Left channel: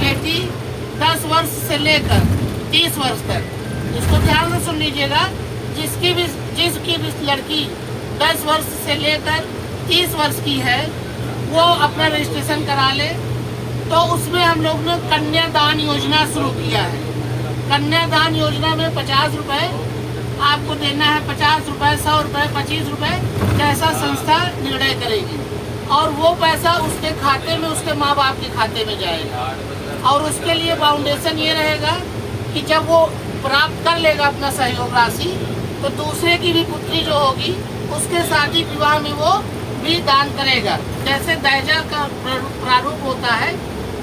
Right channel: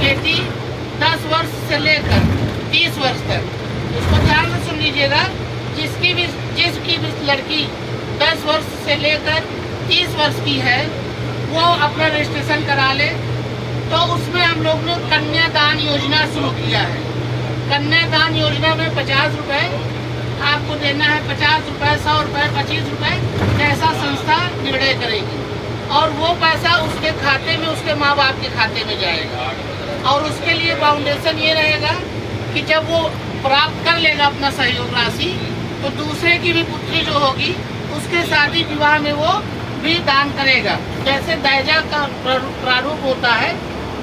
बेटी 10 वर्ष से लेकर 30 वर्ष तक, इसको ध्यान से सुन लीजिएगा, जिसकी भी लड़की 10 वर्ष से लेकर 30 वर्ष की है वो अपना रजिस्ट्रेशन करा ले। तो उसमें हम लोग ने कन्यादान योजना शुरू किया है। कन्यादान योजना में 50 रुपये आपको देना है, 50 रुपये, 100 रुपये, 25 रुपये, जैसा संस्था निर्णय करेगी, और वो पैसा उसके खाते में, उसके माँ बाप के खाते में जाएगा। और उसके लिए फाउंडेशन ये रहेगा कि जब वो प्राप्त कर लेगा अपना सहयोग राशि, तो दूसरे की भी पुत्री जो होगी उसके शादी विवाह में वो भी दान करेगा। जैसे दहेजा का प्रारूप होता है,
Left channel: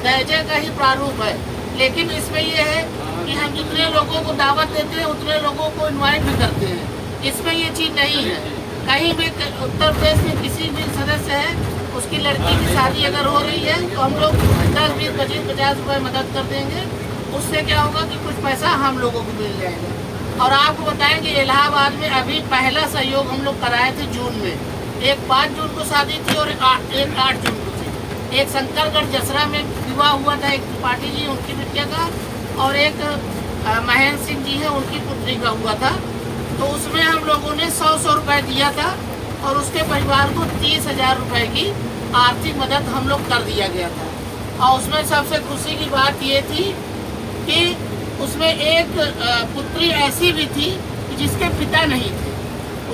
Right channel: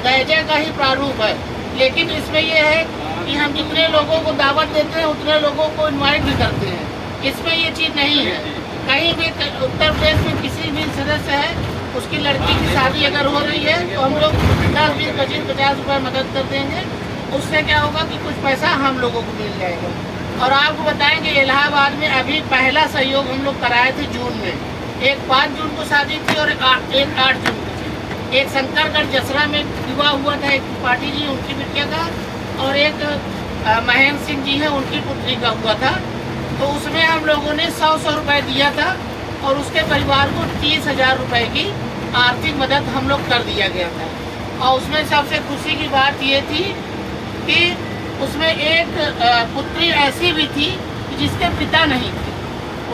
दहेजा का ही प्रारूप है, लेकिन इसमें ये है कि हम जितने लोगों को दावत देते हैं उतने लोगों को इनवाइट भी करते हैं। इसमें ये चीज़ नहीं है। कहीं भी उत्तर प्रदेश में किसी भी सदस्य है, उसकी लड़की की शादी अगर हो रही है तो हम लोग 10, 20, 25, 50 रुपये मदद कर देंगे। उससे क्या होगा कि कुछ पैसा हम लोगों को मिल जाएगा। और आपको बताएं कि इलाहाबाद में अभी पहला सहयोग हम लोग कराए थे जून में। एक 5 जून को शादी थी और एक 8 जून को थी। एक शंकरगढ़ जसरा में विवाह हुआ था, एक पार्टी जी उनकी बिटिया का, और एक महेंद्र सिंह जी है उनकी पुत्री का हुआ था। तो उसमें हम लोगों ने 100 रुपये दिया था और उसके परिवार को 30,000 रुपये की आर्थिक मदद हम लोग कर दिया गया था। और उसमें सबसे खुशी की बात ये थी कि उसमें एक पुत्री ऐसी भी थी जिसके पिता नहीं थे।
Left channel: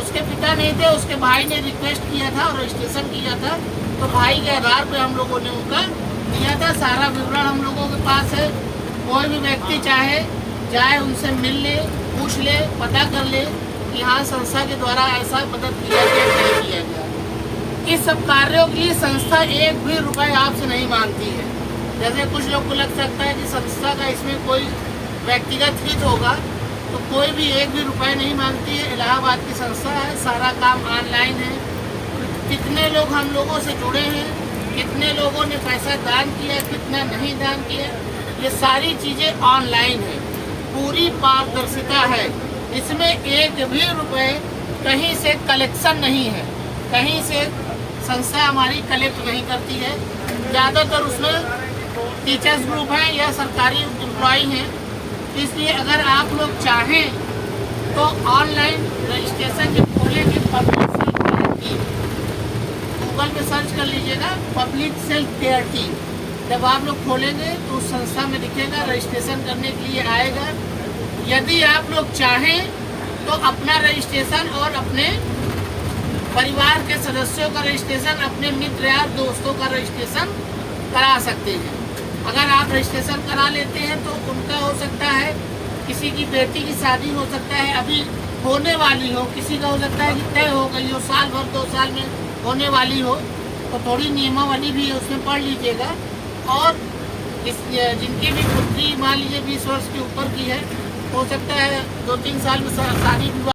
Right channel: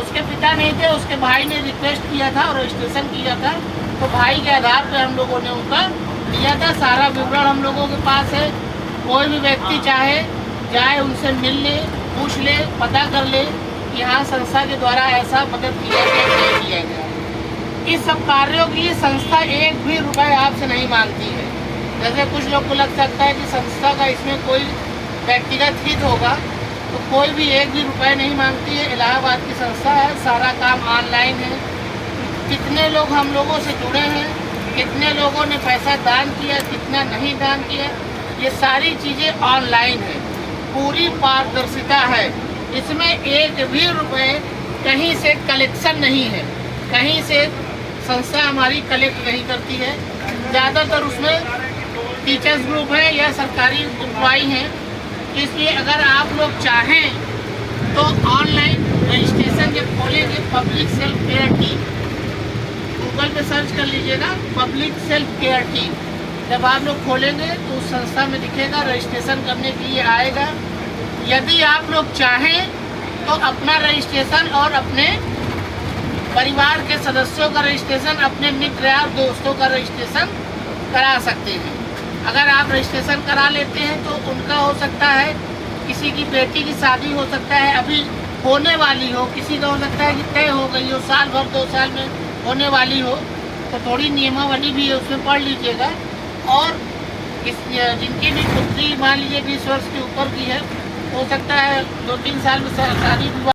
उसके पिता नहीं थे, उसके भाई ने रिक्वेस्ट किया था और रजिस्ट्रेशन किया था, तो भाई के आधार पर हम लोगों ने उनका दिया था। सारा विवरण हम लोगों के पास है। कोई भी व्यक्ति चाहे जाए, उनसे मिल ले, पूछ ले, पता कर ले कि हाँ संस्था के द्वारा ऐसा मदद किया गया, नहीं किया गया। इस सब कार्यों के लिए संस्था एक भी रुपए आपसे नहीं मांगती है। जैसे कुछ लोग को लग सकता है कि संस्था का इसमें कोई व्यक्तिगत हित होगा, तो कोई भी एक भी रुपए नहीं मांगती है। इलाहाबाद की संस्था है, सारा काम ऑनलाइन है। कितने लोग हम लोगों से जुड़े हैं, कितने लोगों ने पैसा दान किया, कितना नहीं दान किया, ये सारी चीज़ें ऑनलाइन है। पूरी पारदर्शिता है। इसमें एक भी रुपए कहीं से कलेक्शन नहीं है, कहीं से संस्था हमारी कलेक्ट नहीं करती है। ज़्यादातर उसमें टीचर्स ग्रुप है या सरकारी एम्प्लॉई हैं। इसलिए अगर आप लोग चाहें तो ऑनलाइन रजिस्ट्रेशन जब खोलेंगे, public self care team, Google पे सर्च कर लीजिएगा पब्लिक सेल्फ केयर टीम। जब आप लोग खोलेंगे तो उस संस्था में दिखेगा, रजिस्ट्रेशन करने के लिए आएगा। यदि आप लोग चाहें तो अपना रजिस्ट्रेशन और अपने परिवार के सदस्यों का रजिस्ट्रेशन, अपने मित्र या दोस्तों का रजिस्ट्रेशन करा सकते हैं। अगर आप रजिस्ट्रेशन करा लेते हैं तो उनका हो सकता है, किसी की बेटी की शादी हो सकता है अभी होने वाली हो, किसी का हो सकता है कि तय हो गई हो, साल भर 2 साल में होने वाली हो, तो थोड़ी नियमावली भी है, उसमें पढ़ लीजिएगा। और जिनकी भी पुत्री मान लीजिए 20 वर्ष के ऊपर की है, हो सकता है 2-3 साल में शादी विवाह